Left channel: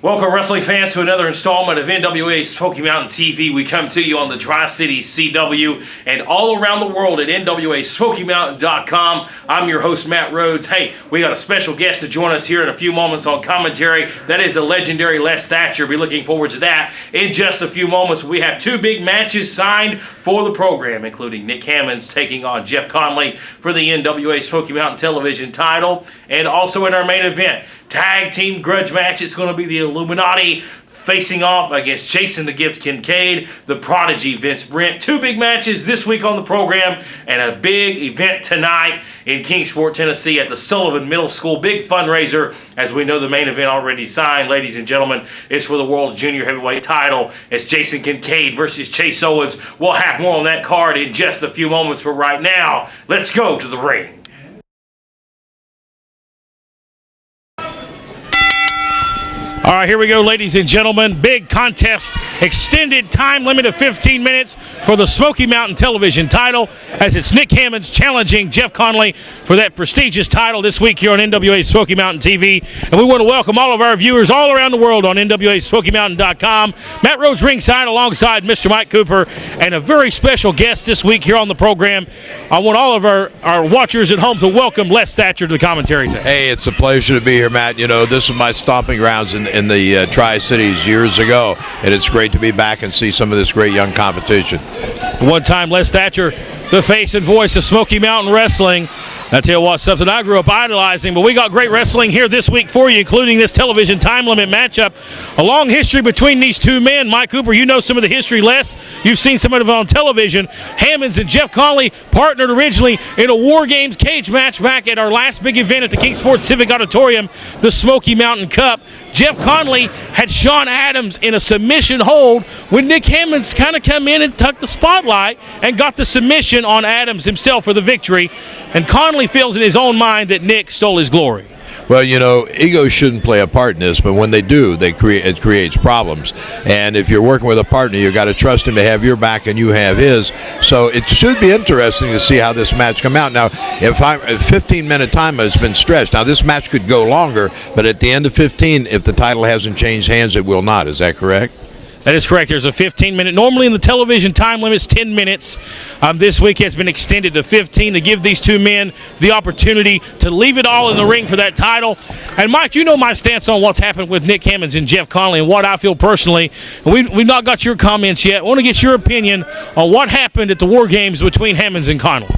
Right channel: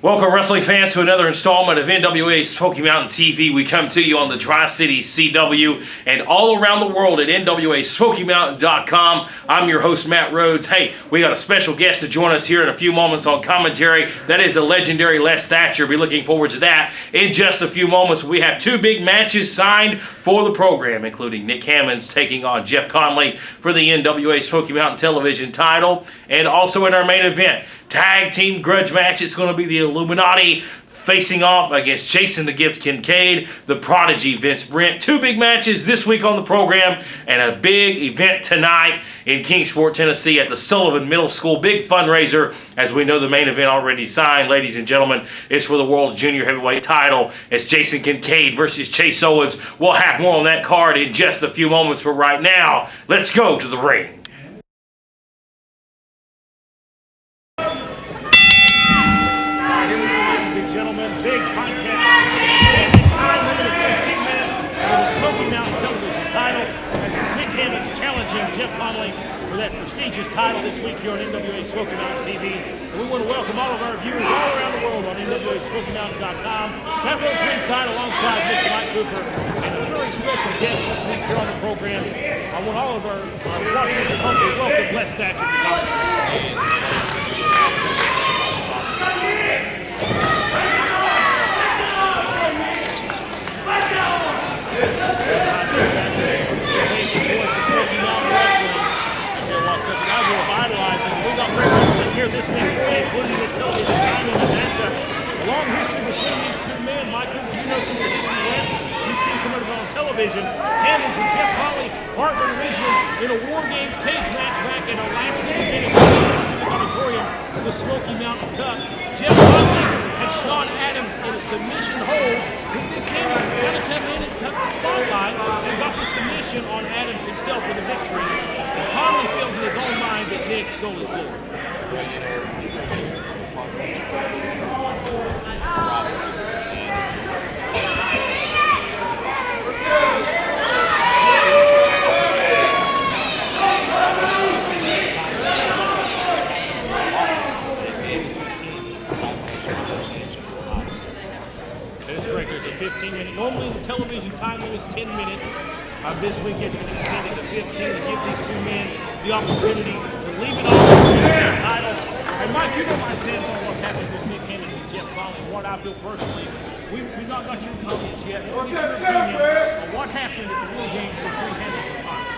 Welcome, wrestling fans, to another installment of NWA Smoky Mountain TV. We come to you on the Tri-City CW and all around the world at NWASmokyMountain.com. I'm your host, Matt Rhodes. Hey, we got a special guest to join us here in a few moments on commentary. That is the legendary Les Thatcher. Be looking forward to that in just a few moments. We have two big matches signed for the program, including Nick Hammonds taking on Jeff Conley for the NWA Smoky Mountain television title. And also in our main event, tag team grudge match, it's going to be the Illuminati facing off against Jason the Gift Kincaid, the Prodigy Vince Brent. Two big matches this week on the program and a big event tonight in Kingsport, Tennessee at the Sullivan Middle School. Big fundraiser, as we know the main event already signed, ladies and gentlemen, is for the World's Junior Heavyweight title. It's Jason Kincaid versus Chase Owens. We'll have more on that card in just a few moments, but right now, let's go to the ring. All right, here we go, ladies and gentlemen. Big contest, extended time limit of 15 minutes for the Smoky Mountain television title, as it's Nick Hammonds challenging Jeff Conley for that prestigious title this week here on NWA Smoky Mountain TV. And we want to welcome all of our viewers all around the world on NWASmokyMountain.com. Matt Rhodes ringside alongside Mr. Mike Cooper, and a very special guest this week here on the program. I want all of our watchers at home to welcome Les Thatcher to the commentary today. Hey, it's a pleasure to be here, Matt. You know, this is my stomping grounds in the Tri-Cities years ago, and it's great to be back and see some of this great young competition. One time, Les Thatcher, the face and voice of Smoky Mountain Wrestling. I tell you what, something I grew up idolizing, but we got great wrestling here this week for you, including this television time limit matchup. A long history between these two men. Mike Cooper, you know some of the history, Les. You've seen some of it on television. Hammonds and Jeff Conley partnered originally in a War Games cage match back at our last big event at the Kingsport Civic Auditorium, the Smoky Mountain Cup. Jeff Conley had Sean Adams in a submission hold when Nick Hammonds kind of come in and took the spotlight and got the submission on Adams himself for the victory. And Conley feels in his own mind that Nick stole his glory. Well, you know, egos shouldn't play a part in this, but when they do, it creates problems. And if you're working with a partner, you've got to trust him to have your back and you have his. So it should be interesting to see how this match come out. Now, if 15-minute time has been stretched, now this match could go longer, but at the end of 15, if the title hasn't changed hands, it will not. Is that correct? That is correct. There's a 15-minute. Normally in the television time limit, it's 10 minutes. This week has been extended to 15 to give these two men the opportunity to leave it all in the ring for that title. And Mike, you know my stance on what's happened with Nick Hammonds and Jeff Conley and what I feel personally. We've not got your comments yet. I want to get your opinion on what happened at the War Games between Hammonds and Conley.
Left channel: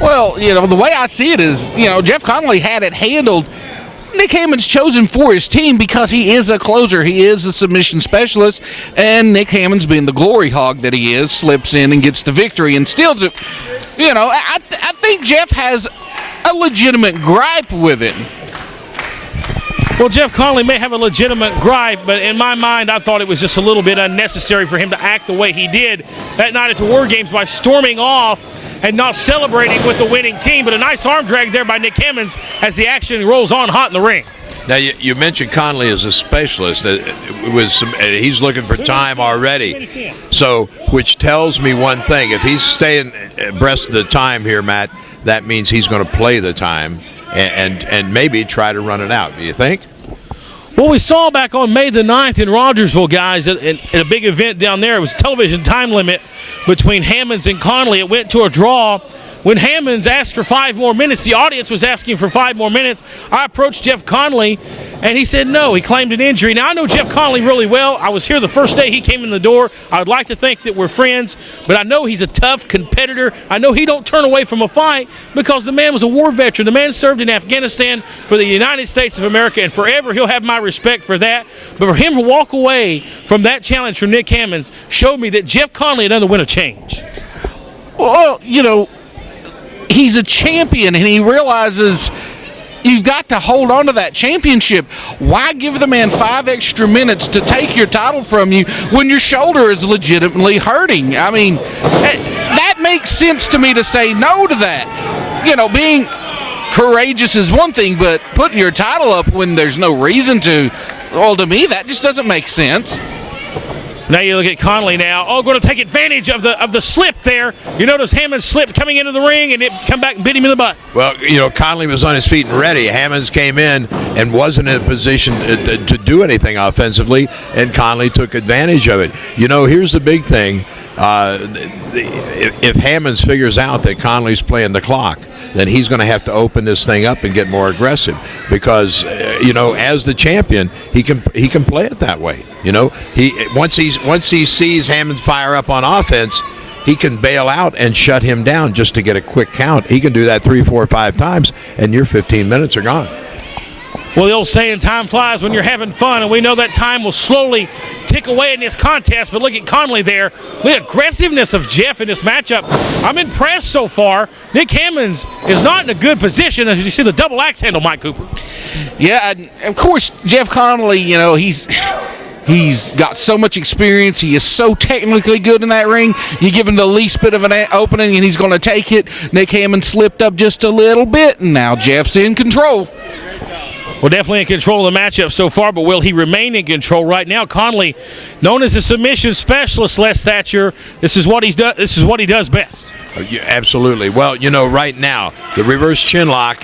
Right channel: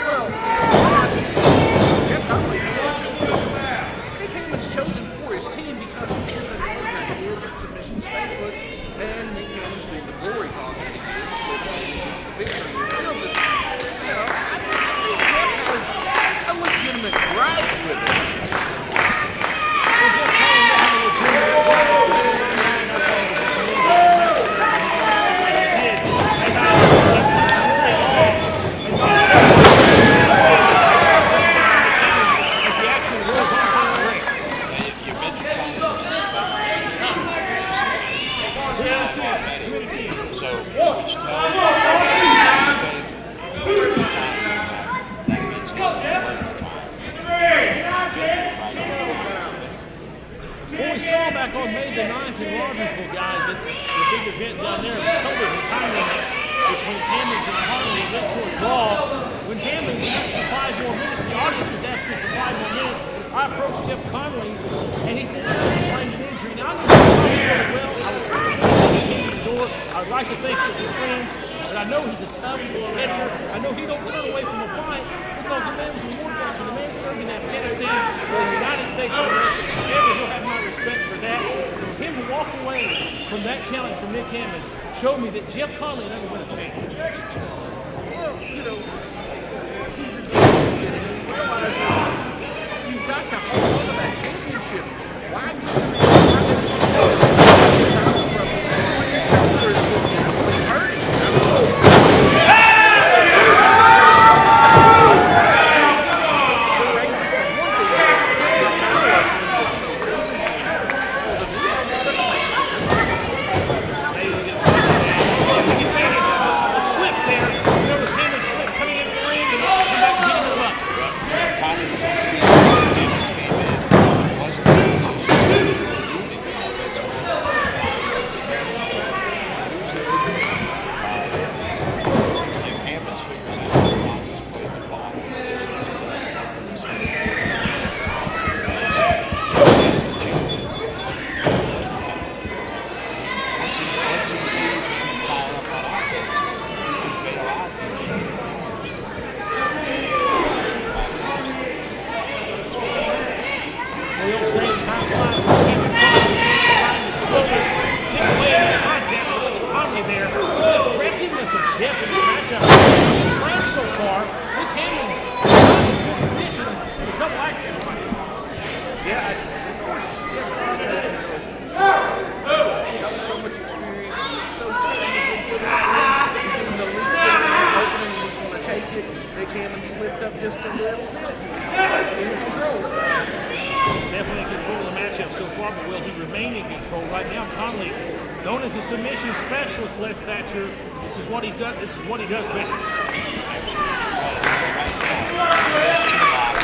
Well, you know, the way I see it is, you know, Jeff Conley had it handled. Nick Hammonds chosen for his team because he is a closer. He is a submission specialist, and Nick Hammonds, being the glory hog that he is, slips in and gets the victory and steals it. You know, I think Jeff has a legitimate gripe with him. Well, Jeff Conley may have a legitimate gripe, but in my mind, I thought it was just a little bit unnecessary for him to act the way he did that night at the War Games by storming off and not celebrating with the winning team. But a nice arm drag there by Nick Hammonds as the action rolls on hot in the ring. Now, you mentioned Conley as a specialist. He's looking for time already. So, which tells me one thing. If he's staying abreast of the time here, Matt, that means he's going to play the time and maybe try to run it out. Do you think? Well, we saw back on May the 9th in Rogersville, guys, at a big event down there. It was television time limit between Hammonds and Conley. It went to a draw. When Hammonds asked for 5 more minutes, the audience was asking for 5 more minutes. I approached Jeff Conley, and he said no. He claimed an injury. Now, I know Jeff Conley really well. I was here the first day he came in the door. I would like to think that we're friends, but I know he's a tough competitor. I know he don't turn away from a fight because the man was a war veteran. The man served in Afghanistan for the United States of America, and forever he'll have my respect for that. But for him to walk away from that challenge from Nick Hammonds showed me that Jeff Conley had underwent a change. Well, you know, he's a champion, and he realizes you've got to hold on to that championship. Why give the man 5 extra minutes to take your title from you when your shoulder is legitimately hurting? I mean, that makes sense to me to say no to that. You know, being courageous is one thing, but putting your title up when there's no reason to, well, to me, that just doesn't make sense. Now you look at Conley now. Oh, going to take advantage of the slip there. You notice Hammond slipped coming into the ring, and it come back and bit him in the butt. Well, Conley was on his feet and ready. Hammonds came in and wasn't in a position to do anything offensively, and Conley took advantage of it. Here's the big thing. If Hammonds figures out that Conley's playing the clock, then he's going to have to open this thing up and get more aggressive because, as the champion, he can play it that way. Once he sees Hammonds fire up on offense, he can bail out and shut him down just to get a quick count. He can do that 3, 4, 5 times, and your 15 minutes are gone. Well, the old saying, time flies when you're having fun, and we know that time will slowly tick away in this contest, but look at Conley there. The aggressiveness of Jeff in this matchup. I'm impressed so far. Nick Hammonds is not in a good position, as you see the double axe handle, Mike Cooper. Yeah, of course, Jeff Connelly, he's got so much experience. He is so technically good in that ring. You give him the least bit of an opening, and he's going to take it. Nick Hammond slipped up just a little bit, and now Jeff's in control. Well, definitely in control of the matchup so far, but will he remain in control right now? Conley, known as a submission specialist, Les Thatcher, this is what he's done. This is what he does best. Yeah, absolutely. Well, right now, the reverse chin lock,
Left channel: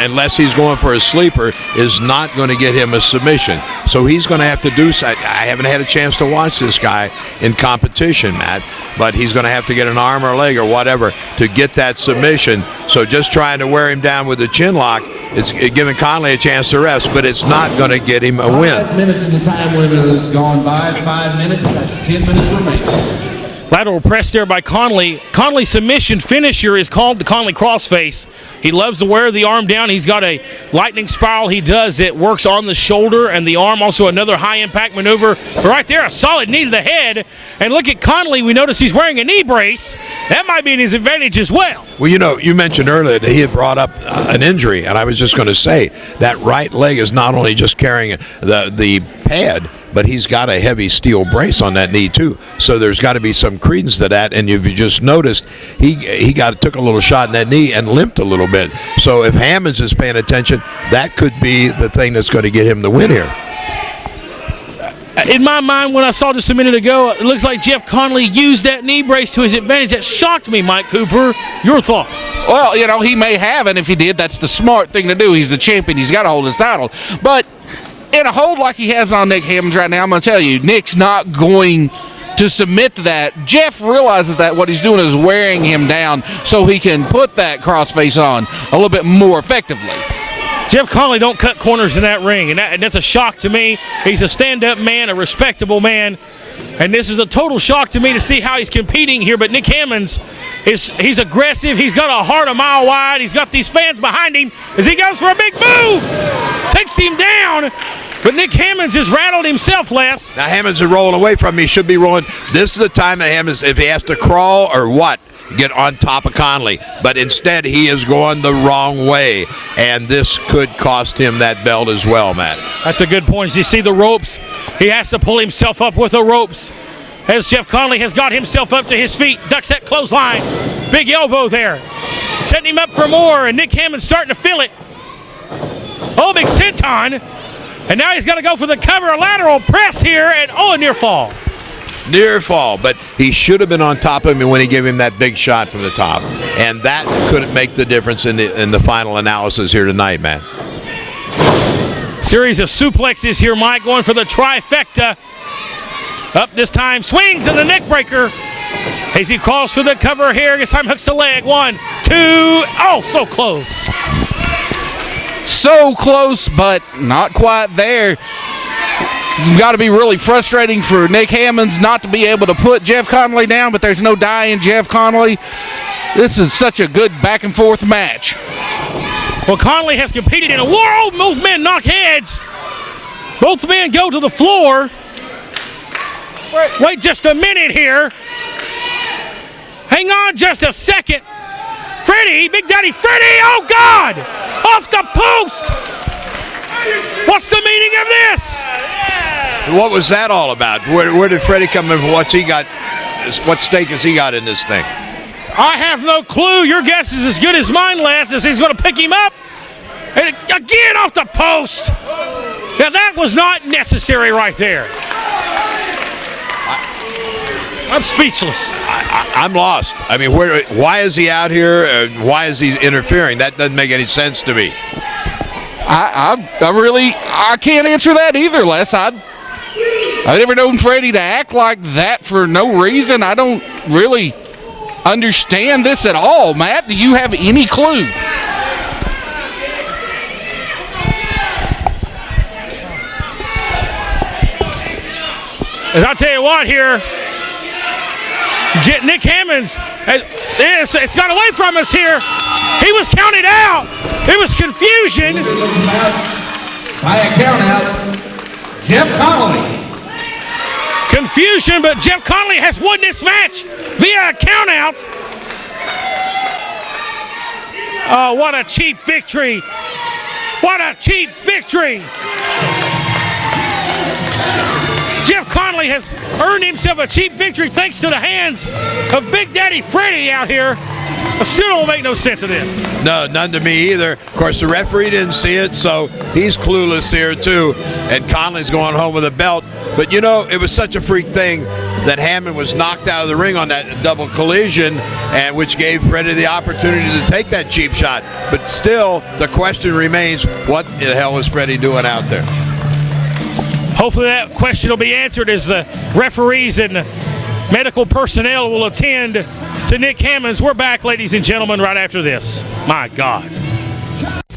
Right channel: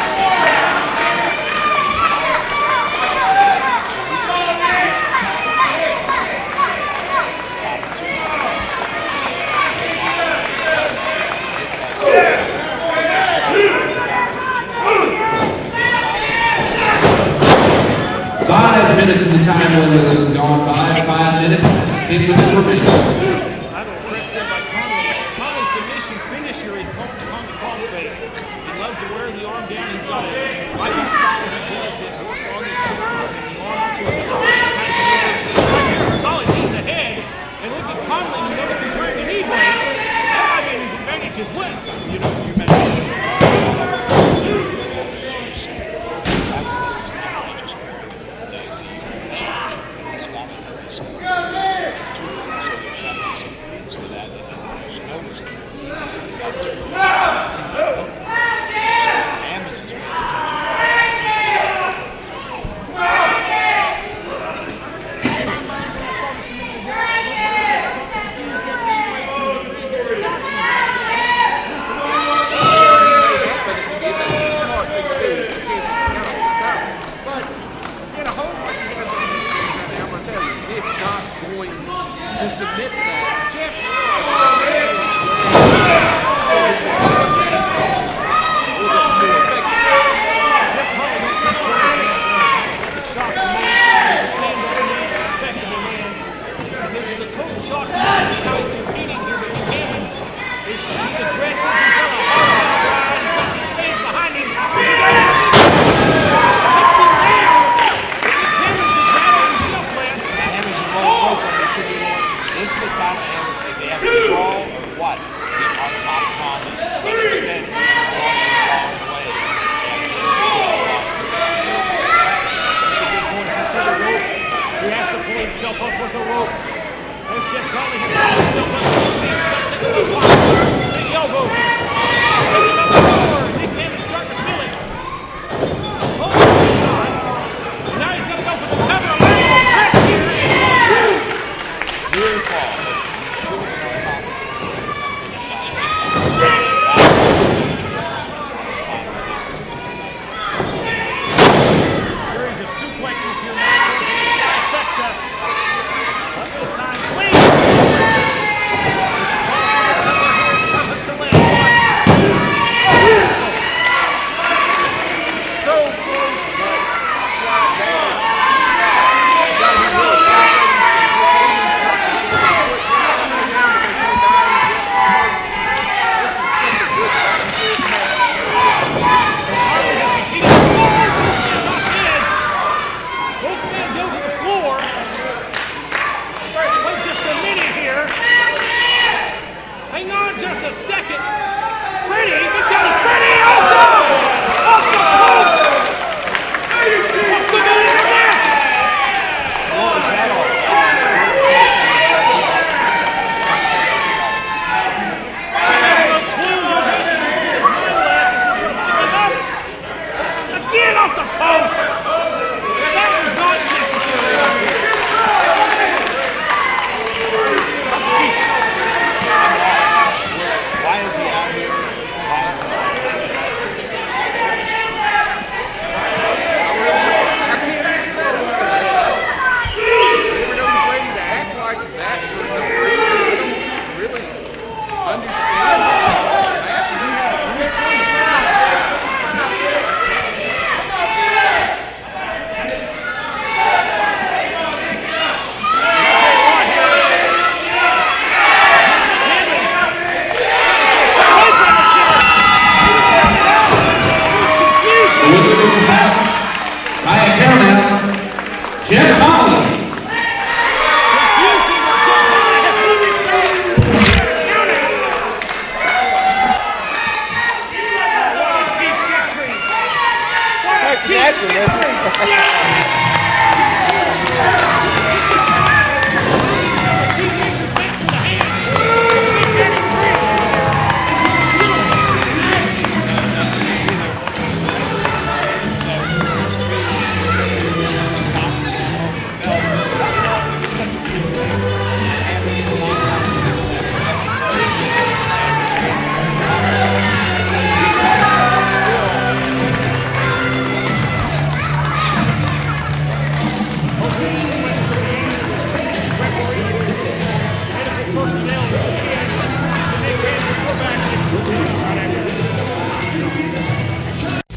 unless he's going for a sleeper, is not going to get him a submission. So he's going to have to do something. I haven't had a chance to watch this guy in competition, Matt, but he's going to have to get an arm or leg or whatever to get that submission. So just trying to wear him down with the chin lock, it's giving Conley a chance to rest, but it's not going to get him a win. 5 minutes of the time limit has gone by. 5 minutes, 10 minutes remaining. Lateral press there by Conley. Conley's submission finisher is called the Conley crossface. He loves to wear the arm down. He's got a lightning spiral he does that works on the shoulder and the arm. Also another high-impact maneuver. But right there, a solid knee to the head. And look at Conley. We notice he's wearing a knee brace. That might be in his advantage as well. Well, you mentioned earlier that he had brought up an injury, and I was just going to say that right leg is not only just carrying the pad, but he's got a heavy steel brace on that knee too. So there's got to be some credence to that. And if you just noticed, he took a little shot in that knee and limped a little bit. So if Hammonds is paying attention, that could be the thing that's going to get him the win here. In my mind, when I saw just a minute ago, it looks like Jeff Conley used that knee brace to his advantage. That shocked me, Mike Cooper. Your thought? Well, he may have, and if he did, that's the smart thing to do. He's the champion. He's got to hold his title. But in a hold like he has on Nick Hammonds right now, I'm going to tell you, Nick's not going to submit to that. Jeff realizes that what he's doing is wearing him down so he can put that crossface on a little bit more effectively. Jeff Conley don't cut corners in that ring, and that's a shock to me. He's a stand-up man, a respectable man, and this is a total shock to me to see how he's competing here. But Nick Hammonds, he's aggressive. He's got a heart a mile wide. He's got these fans behind him as he goes for a big move. Takes him down. But Nick Hammonds has rattled himself, Les. Now Hammonds is rolling away from him. He should be rolling. This is the time that Hammonds, if he has to crawl or what, get on top of Conley. But instead, he is going the wrong way. And this could cost him that belt as well, Matt. That's a good point. As you see the ropes, he has to pull himself up with the ropes. As Jeff Conley has got himself up to his feet, ducks that clothesline. Big elbow there. Setting him up for more, and Nick Hammond's starting to feel it. Oh, big senton. And now he's got to go for the cover, a lateral press here, and a near fall. Near fall, but he should have been on top of him when he gave him that big shot from the top. And that could make the difference in the final analysis here tonight, man. Series of suplexes here, Mike, going for the trifecta. Up this time, swings and the neck breaker. As he calls for the cover here, this time hooks the leg. 1, 2, oh, so close. So close, but not quite there. It's got to be really frustrating for Nick Hammonds not to be able to put Jeff Conley down, but there's no die in Jeff Conley. This is such a good back and forth match. Well, Conley has competed in a world. Both men knock heads. Both men go to the floor. Wait just a minute here. Hang on just a second. Freddie, Big Daddy Freddie, oh God! Off the post! What's the meaning of this? What was that all about? Where did Freddie come in? What's he got? What stake has he got in this thing? I have no clue. Your guess is as good as mine, Les, as he's going to pick him up. And again off the post. Now that was not necessary right there. I'm speechless. I'm lost. I mean, why is he out here? Why is he interfering? That doesn't make any sense to me. I can't answer that either, Les. I never known Freddie to act like that for no reason. I don't really understand this at all. Matt, do you have any clue? And I'll tell you what here, Nick Hammonds, it's got away from us here. He was counted out. It was confusion. By a count out, Jeff Conley. Confusion, but Jeff Conley has won this match via a count out. Oh, what a cheap victory. What a cheap victory. Jeff Conley has earned himself a cheap victory thanks to the hands of Big Daddy Freddie out here. It still don't make no sense to this. No, none to me either. Of course, the referee didn't see it, so he's clueless here too. And Conley's going home with a belt. But you know, it was such a freak thing that Hammond was knocked out of the ring on that double collision, and which gave Freddie the opportunity to take that cheap shot. But still, the question remains, what the hell is Freddie doing out there? Hopefully that question will be answered as the referees and the medical personnel will attend to Nick Hammonds. We're back, ladies and gentlemen, right after this. My God.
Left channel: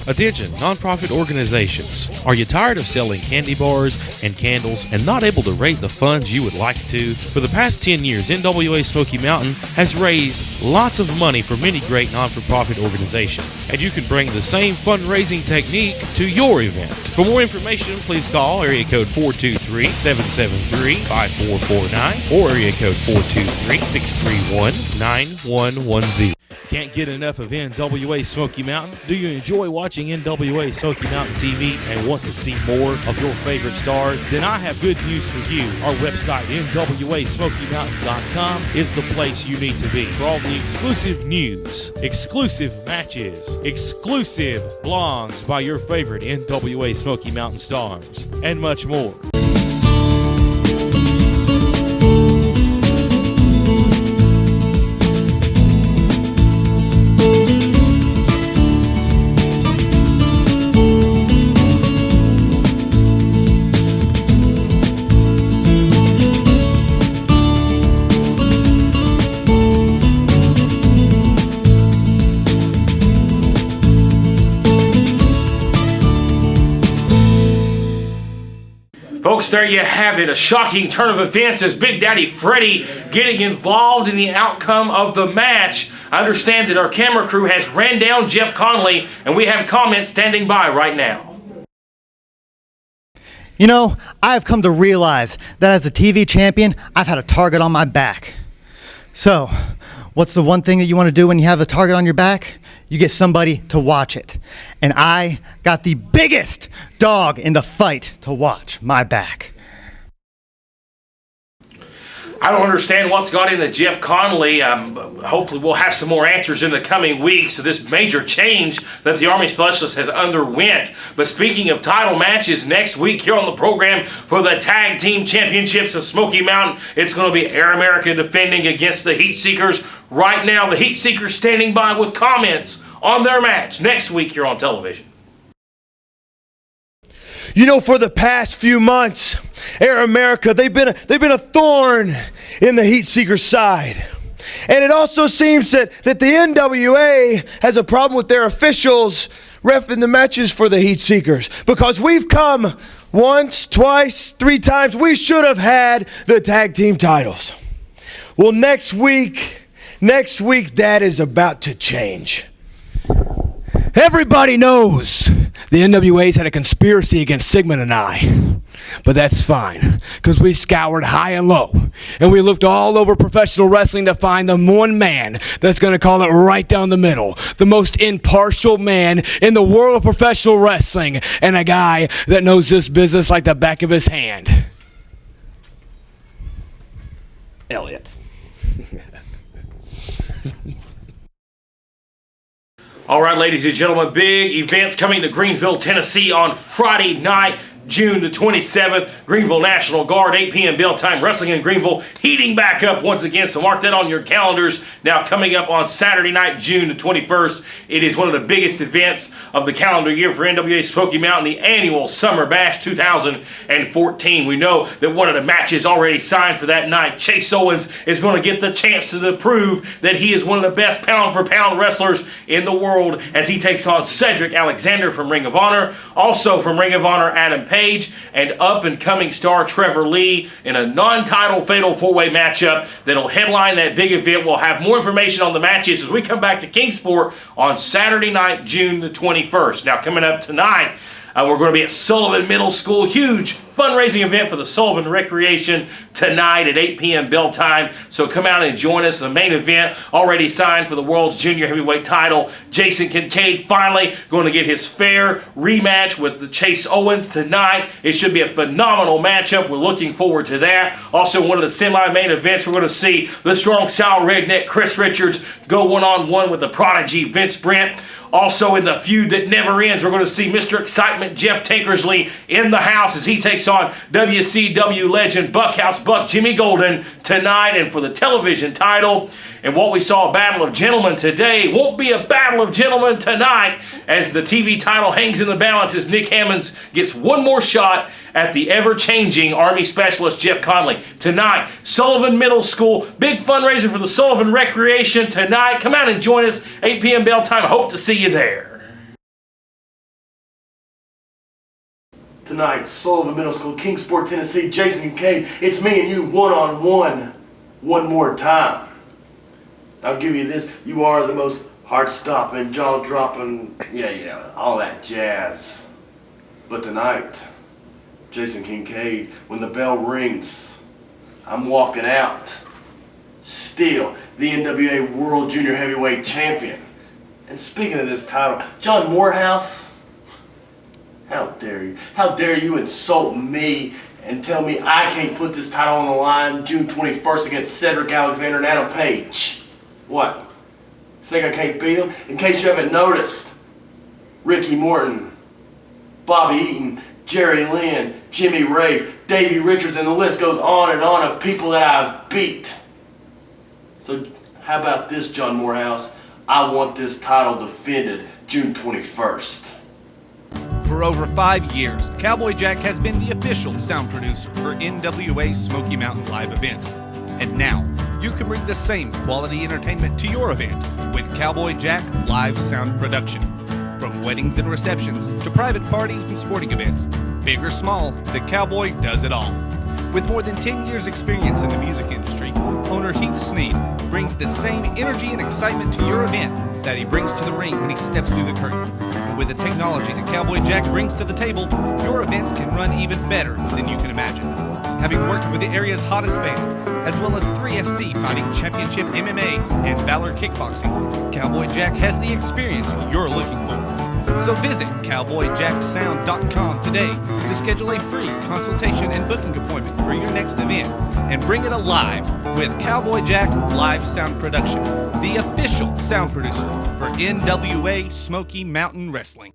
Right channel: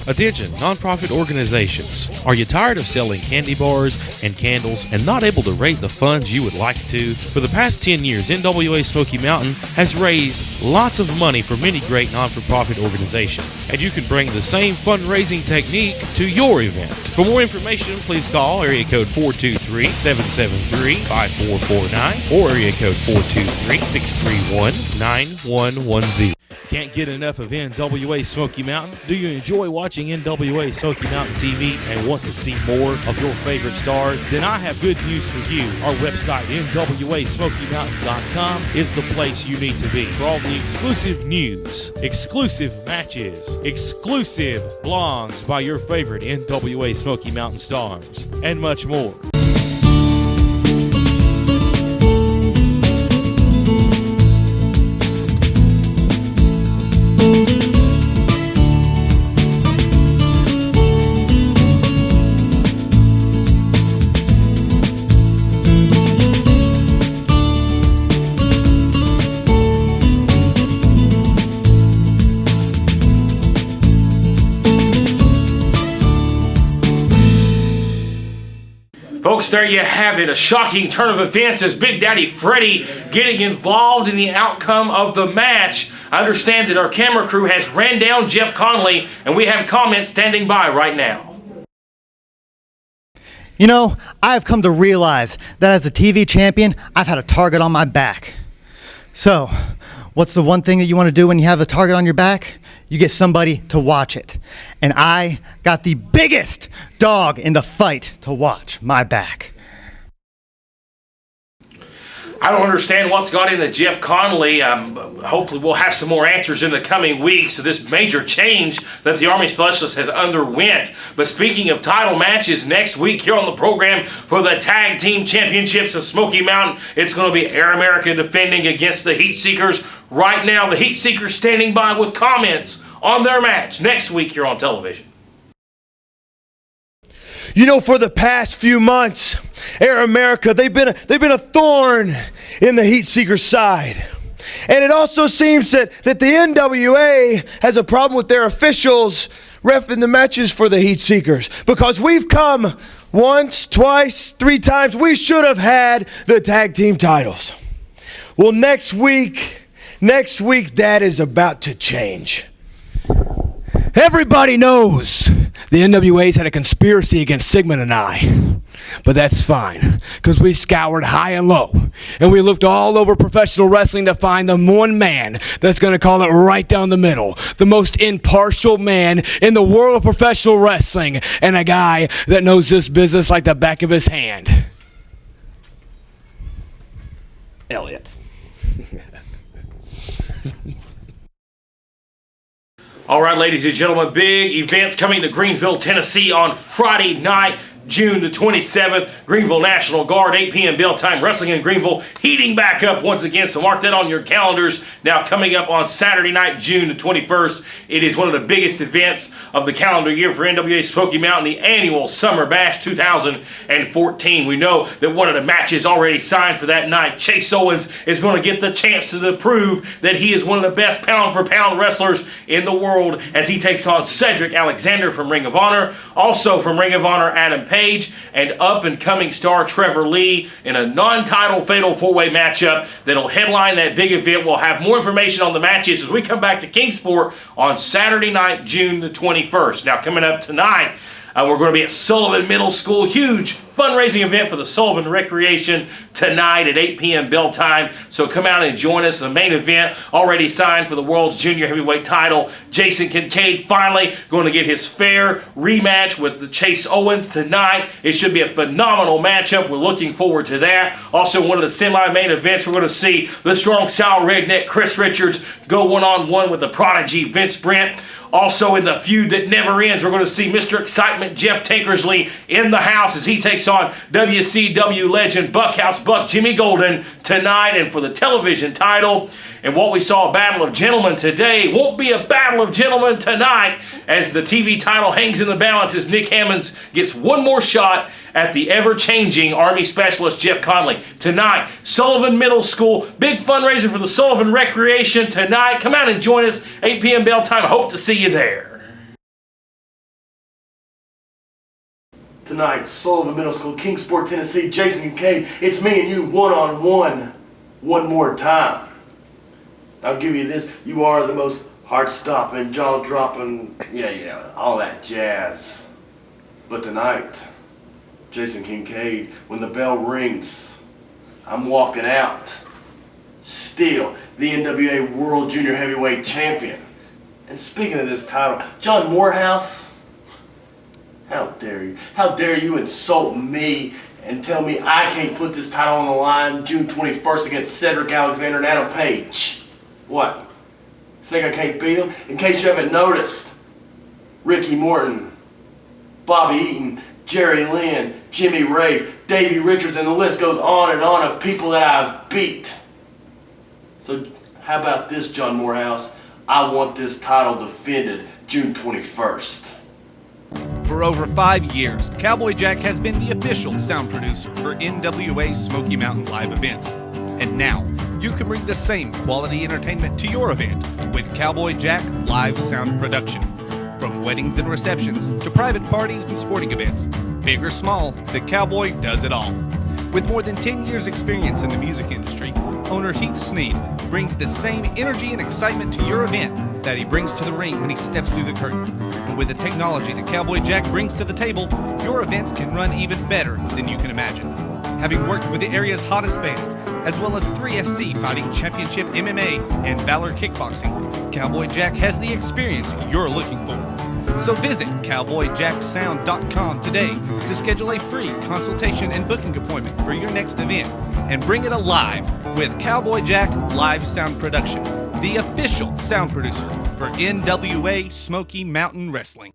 Attention, nonprofit organizations. Are you tired of selling candy bars and candles and not able to raise the funds you would like to? For the past 10 years, NWA Smoky Mountain has raised lots of money for many great non-for-profit organizations, and you can bring the same fundraising technique to your event. For more information, please call area code 423-773-5449 or area code 423-631-9110. Can't get enough of NWA Smoky Mountain? Do you enjoy watching NWA Smoky Mountain TV and want to see more of your favorite stars? Then I have good news for you. Our website, NWASmokyMountain.com, is the place you need to be for all the exclusive news, exclusive matches, exclusive blogs by your favorite NWA Smoky Mountain stars, and much more. Folks, there you have it. A shocking turn of events as Big Daddy Freddie getting involved in the outcome of the match. I understand that our camera crew has ran down Jeff Conley, and we have comments standing by right now. You know, I've come to realize that as a TV champion, I've had a target on my back. So, what's the one thing that you want to do when you have a target on your back? You get somebody to watch it. And I got the biggest dog in the fight to watch my back. I don't understand what's got into Jeff Conley. Hopefully we'll have some more answers in the coming weeks of this major change that the Army Specialist has underwent. But speaking of title matches, next week here on the program for the Tag Team Championships of Smoky Mountain, it's going to be Air America defending against the Heat Seekers. Right now, the Heat Seekers standing by with comments on their match next week here on television. You know, for the past few months, Air America, they've been a thorn in the Heat Seekers' side. And it also seems that the NWA has a problem with their officials reffing the matches for the Heat Seekers. Because we've come once, twice, 3 times. We should have had the tag team titles. Well, next week, that is about to change. Everybody knows the NWA's had a conspiracy against Sigmund and I. But that's fine, because we scoured high and low. And we looked all over professional wrestling to find the one man that's going to call it right down the middle. The most impartial man in the world of professional wrestling. And a guy that knows this business like the back of his hand. Elliot. All right, ladies and gentlemen, big events coming to Greenville, Tennessee on Friday night. June the 27th. Greenville National Guard, 8 p.m. bell time. Wrestling in Greenville heating back up once again, so mark that on your calendars. Now coming up on Saturday night, June the 21st, it is one of the biggest events of the calendar year for NWA Smoky Mountain, the annual Summer Bash 2014. We know that one of the matches already signed for that night, Chase Owens, is going to get the chance to prove that he is one of the best pound-for-pound wrestlers in the world as he takes on Cedric Alexander from Ring of Honor. Also from Ring of Honor, Adam Page, and up-and-coming star Trevor Lee in a non-title fatal four-way matchup that'll headline that big event. We'll have more information on the matches as we come back to Kingsport on Saturday night, June the 21st. Now, coming up tonight, we're going to be at Sullivan Middle School. Huge fundraising event for the Sullivan Recreation tonight at 8 p.m. bell time. So come out and join us. The main event already signed for the World's Junior Heavyweight title. Jason Kincaid finally going to get his fair rematch with the Chase Owens tonight. It should be a phenomenal matchup. We're looking forward to that. Also, one of the semi-main events, we're going to see the strong style redneck Chris Richards go one-on-one with the prodigy Vince Brent. Also in the feud that never ends, we're going to see Mr. Excitement Jeff Tankersley in the house as he takes on WCW legend Buckhouse Buck Jimmy Golden tonight and for the television title. And what we saw, a battle of gentlemen today, won't be a battle of gentlemen tonight as the TV title hangs in the balance as Nick Hammonds gets one more shot at the ever-changing Army Specialist Jeff Conley. Tonight, Sullivan Middle School, big fundraiser for the Sullivan Recreation tonight. Come out and join us, 8 p.m. bell time. I hope to see you there. Tonight, Sullivan Middle School, Kingsport, Tennessee, Jason Kincaid. It's me and you one-on-one, one more time. I'll give you this. You are the most heart-stopping, jaw-dropping, all that jazz. But tonight, Jason Kincaid, when the bell rings, I'm walking out. Still, the NWA World Junior Heavyweight Champion. And speaking of this title, John Morehouse, how dare you? How dare you insult me and tell me I can't put this title on the line June 21st against Cedric Alexander and Adam Page? What? Think I can't beat him? In case you haven't noticed, Ricky Morton, Bobby Eaton, Jerry Lynn, Jimmy Rave, Davey Richards, and the list goes on and on of people that I've beat. So how about this, John Morehouse? I want this title defended June 21st. For over 5 years, Cowboy Jack has been the official sound producer for NWA Smoky Mountain live events. And now, you can bring the same quality entertainment to your event with Cowboy Jack Live Sound Production. From weddings and receptions to private parties and sporting events, big or small, the Cowboy does it all. With more than 10 years experience in the music industry, owner Heath Sneed brings the same energy and excitement to your event that he brings to the ring when he steps through the curtain. And with the technology that Cowboy Jack brings to the table, your events can run even better than you can imagine. Having worked with the area's hottest bands, as well as 3FC Fighting Championship MMA and Valor Kickboxing, Cowboy Jack has the experience you're looking for. So visit CowboyJackSound.com today to schedule a free consultation and booking appointment for your next event and bring it alive with Cowboy Jack Live Sound Production, the official sound producer for NWA Smoky Mountain Wrestling.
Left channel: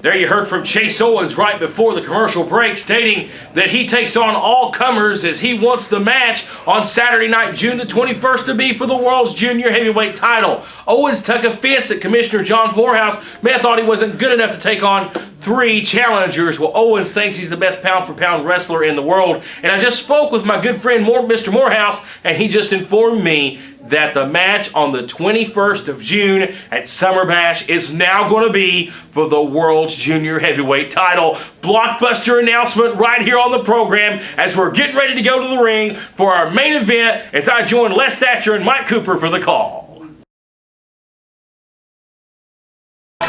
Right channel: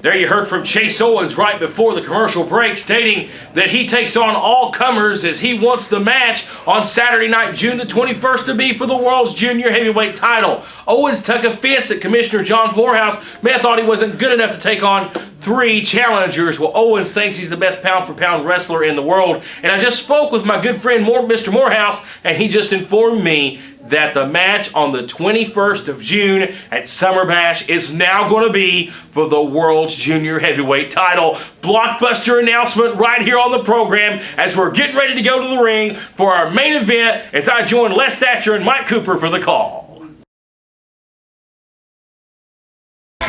There you heard from Chase Owens right before the commercial break, stating that he takes on all comers as he wants the match on Saturday night, June the 21st, to be for the World's Junior Heavyweight title. Owens took offense at Commissioner John Morehouse. Man thought he wasn't good enough to take on 3 challengers. Well, Owens thinks he's the best pound-for-pound wrestler in the world. And I just spoke with my good friend Mr. Morehouse, and he just informed me that the match on the 21st of June at Summer Bash is now going to be for the World's Junior Heavyweight title. Blockbuster announcement right here on the program as we're getting ready to go to the ring for our main event as I join Les Thatcher and Mike Cooper for the call.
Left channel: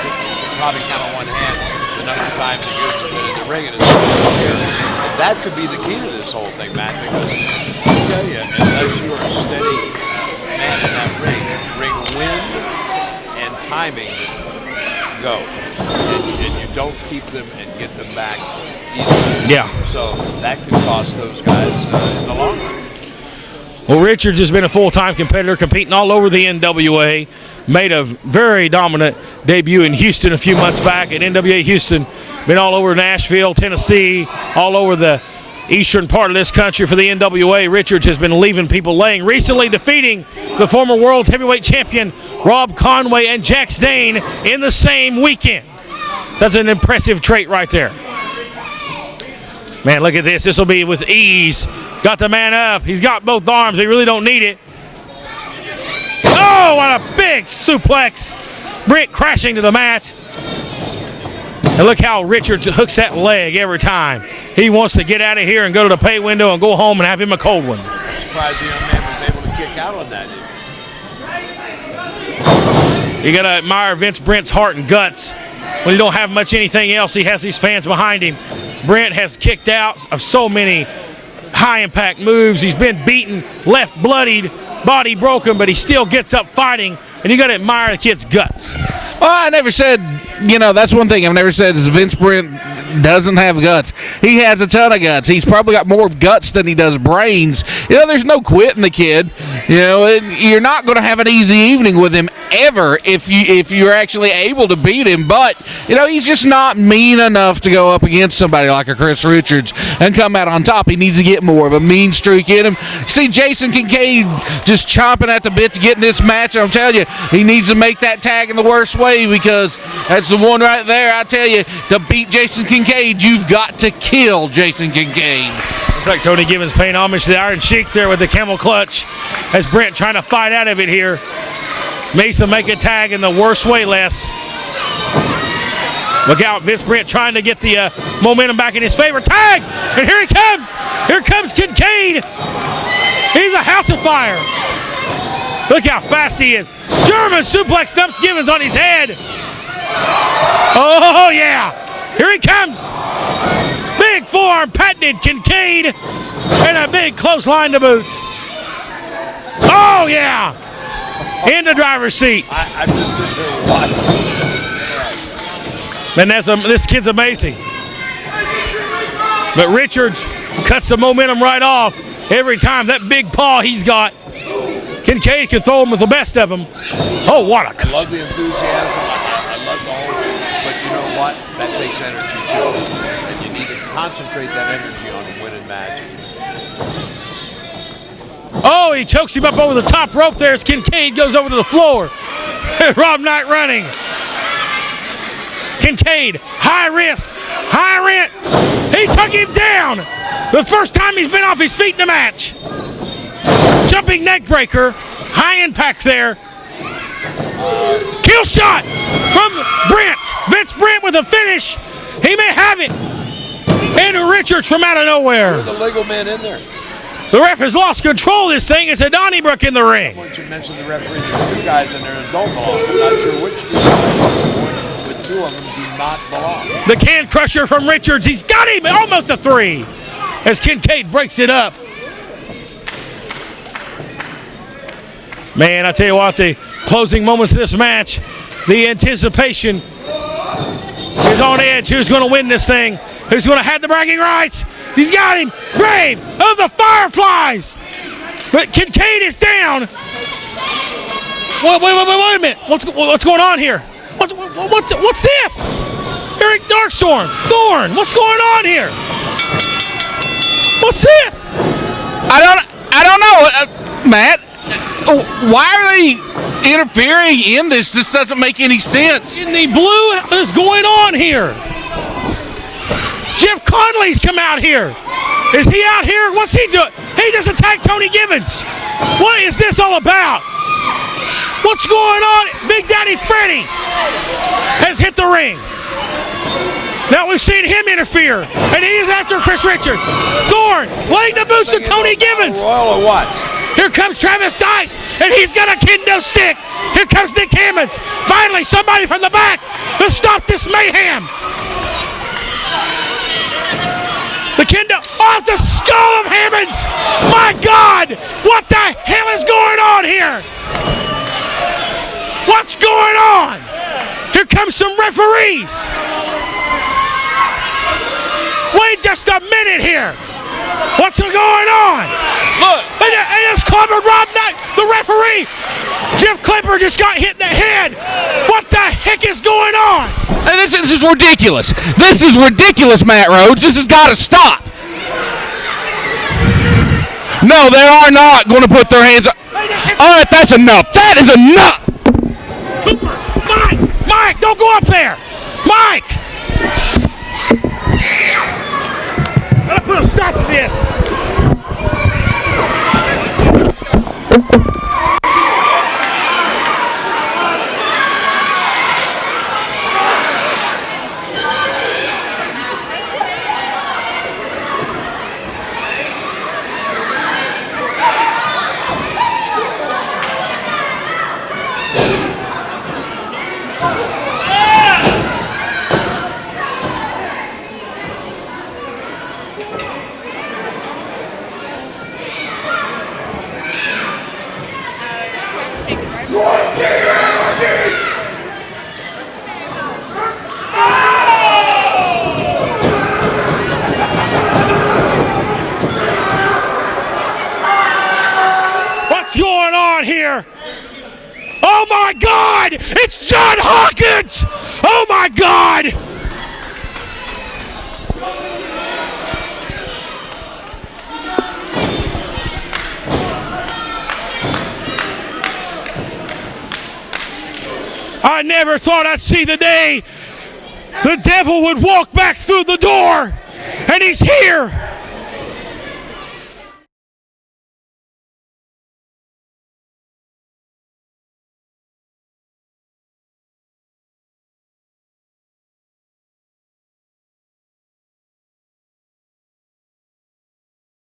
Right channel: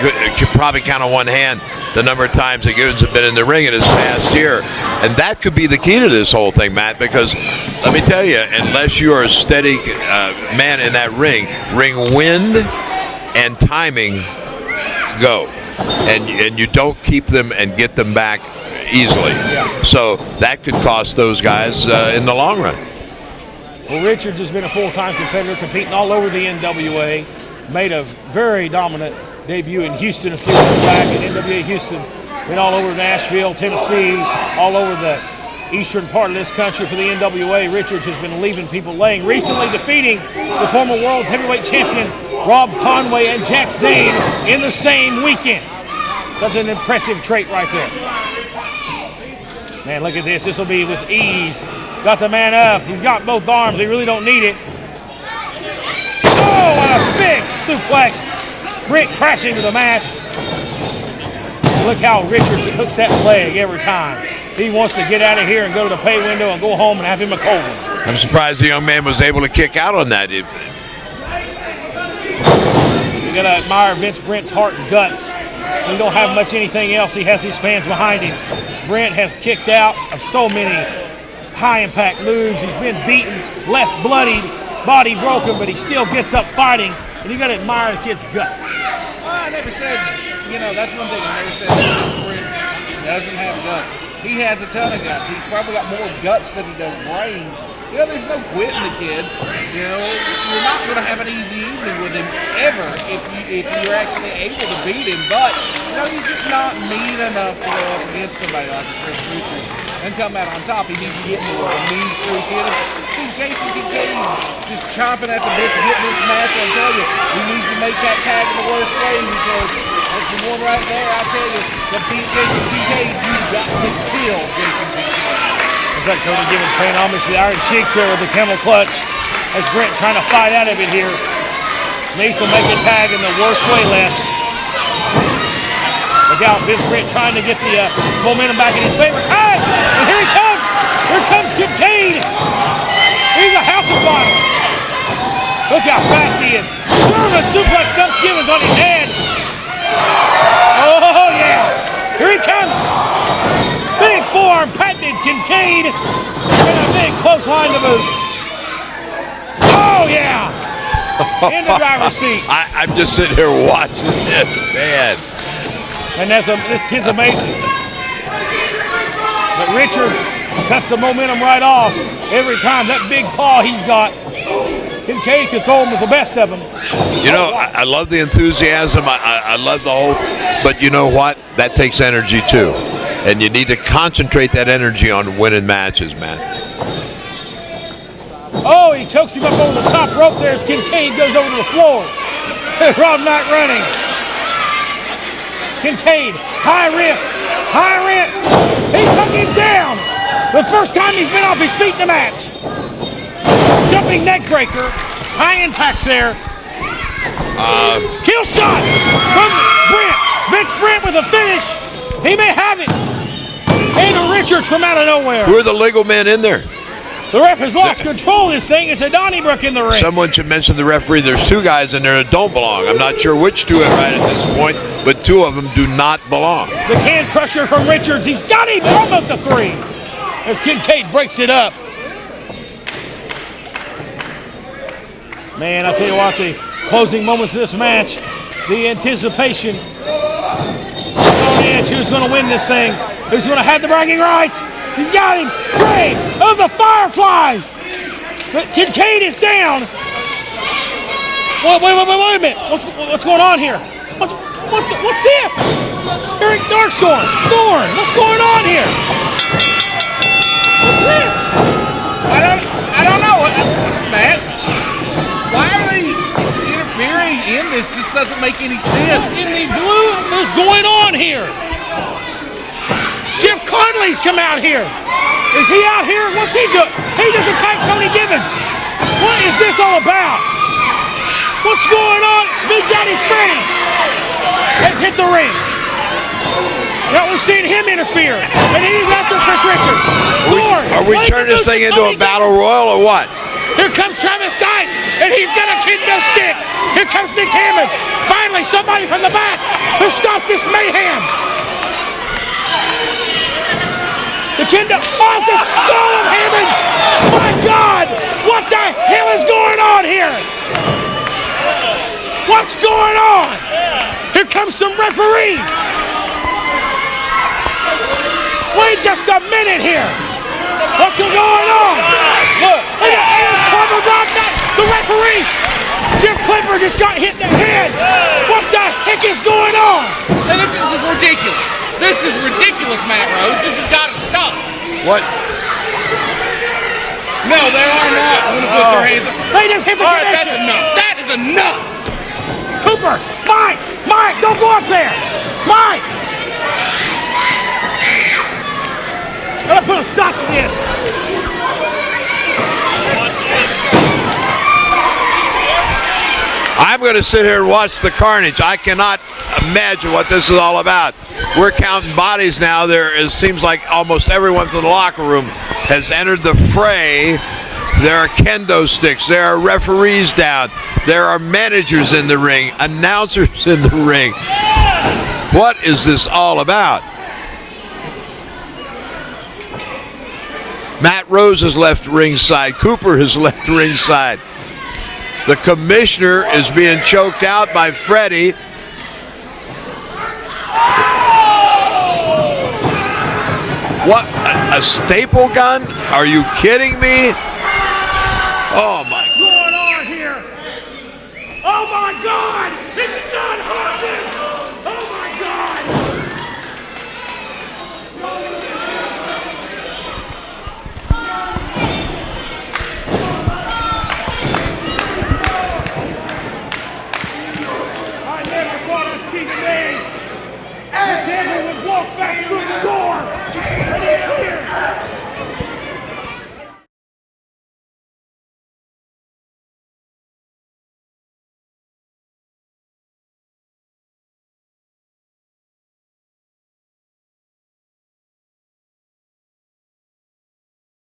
You could probably count on one hand the number of times that Gibbons have been in the ring in his past year. And that could be the key to this whole thing, Matt, because let me tell you, unless you are a steady man in that ring wind and timing go. And you don't keep them and get them back easily. Yeah. So that could cost those guys in the long run. Well, Richards has been a full-time competitor, competing all over the NWA. Made a very dominant debut in Houston a few months back at NWA Houston. Been all over Nashville, Tennessee, all over the eastern part of this country for the NWA. Richards has been leaving people laying, recently defeating the former world's heavyweight champion Rob Conway and Jax Dane in the same weekend. That's an impressive trait right there. Man, look at this. This will be with ease. Got the man up. He's got both arms. He really don't need it. Oh, what a big suplex. Brent crashing to the mat. And look how Richards hooks that leg every time. He wants to get out of here and go to the pay window and go home and have him a cold one. I'm surprised the young man was able to kick out on that. You got to admire Vince Brent's heart and guts. When he don't have much anything else, he has his fans behind him. Brent has kicked out of so many high-impact moves. He's been beaten, left bloodied, body broken, but he still gets up fighting, and you got to admire the kid's guts. Well, I never said, that's one thing I've never said is Vince Brent doesn't have guts. He has a ton of guts. He's probably got more guts than he does brains. There's no quitting the kid. You're not going to have an easy evening with him ever if you're actually able to beat him. But he's just not mean enough to go up against somebody like a Chris Richards and come out on top. He needs to get more of a mean streak in him. See Jason Kincaid just chomping at the bit to get in this match. I'm telling you, he needs to make that tag in the worst way, because that's the one right there. I tell you, to beat Jason Kincaid, you've got to kill Jason Kincaid. Looks like Tony Gibbons paying homage to the Iron Sheik there with the camel clutch, as Brent trying to fight out of it here. Mason make a tag in the worst way, Les. Look out, Vince Brent trying to get the momentum back in his favor. Tag! And here he comes! Here comes Kincaid! He's a house of fire! Look how fast he is. German suplex dumps Gibbons on his head. Oh, yeah! Here he comes! Big forearm patented Kincaid, and a big clothesline to boot. Oh, yeah! In the driver's seat. I'm just sitting here watching this, man. Man, this kid's amazing. But Richards cuts the momentum right off every time. That big paw he's got. Kincaid can throw him with the best of them. What? I love the enthusiasm. I love the whole, but you know what? That takes energy too. And you need to concentrate that energy on winning matches, man. Oh, he chokes him up over the top rope there as Kincaid goes over to the floor. Rob not running. Kincaid, high risk. He took him down. The first time he's been off his feet in the match. Jumping neck breaker, high impact there. Kill shot from Brent. Vince Brent with a finish. He may have it. And Richards from out of nowhere. Who are the legal men in there? The ref has lost control of this thing. It's a Donnybrook in the ring. Someone should mention the referee. There's two guys in there that don't belong. I'm not sure which two are right at this point, but two of them do not belong. The can crusher from Richards. He's got him almost a 3 as Kincaid breaks it up. Man, I tell you what, the closing moments of this match, the anticipation is on edge. Who's going to win this thing? Who's going to have the bragging rights? He's got him. Grave of the Fireflies. But Kincaid is down. Wait a minute. What's going on here? What's this? Eric Darkthorn. Thorn. What's going on here? What's this? I don't know, Matt. Why are they interfering in this? This doesn't make any sense. In the blowout that's going on here. Jeff Conley's come out here. Is he out here? What's he doing? He just attacked Tony Gibbons. What is this all about? What's going on? Big Daddy Freddy has hit the ring. Now we've seen him interfere, and he is after Chris Richards. Thorn, playing the moves to Tony Gibbons. Royal or what? Here comes Travis Dykes, and he's got a kendo stick. Here comes Nick Hammonds. Finally, somebody from the back to stop this mayhem. Off the skull of Hammonds! My God! What the hell is going on here? What's going on? Here comes some referees. Wait just a minute here. What's going on? And it's Clipper Rob Knight, the referee. Jeff Clipper just got hit in the head. What the heck is going on? And this is ridiculous. This is ridiculous, Matt Rhodes. This has got to stop. What? No, they are not going to put their hands up. All right, that's enough. That is enough. Cooper, Mike, don't go up there. Mike. Gotta put a stop to this. I'm going to sit here and watch the carnage. I cannot imagine what this is all about. We're counting bodies now. It seems like almost everyone from the locker room has entered the fray. There are kendo sticks. There are referees down. There are managers in the ring, announcers in the ring. What is this all about? Matt Rose has left ringside. Cooper has left ringside. The commissioner is being choked out by Freddie. What, a staple gun? Are you kidding me? Oh. What's going on here? Oh my God! It's John Hawkins! Oh my God! I never thought I'd see the day the devil would walk back through the door, and he's here.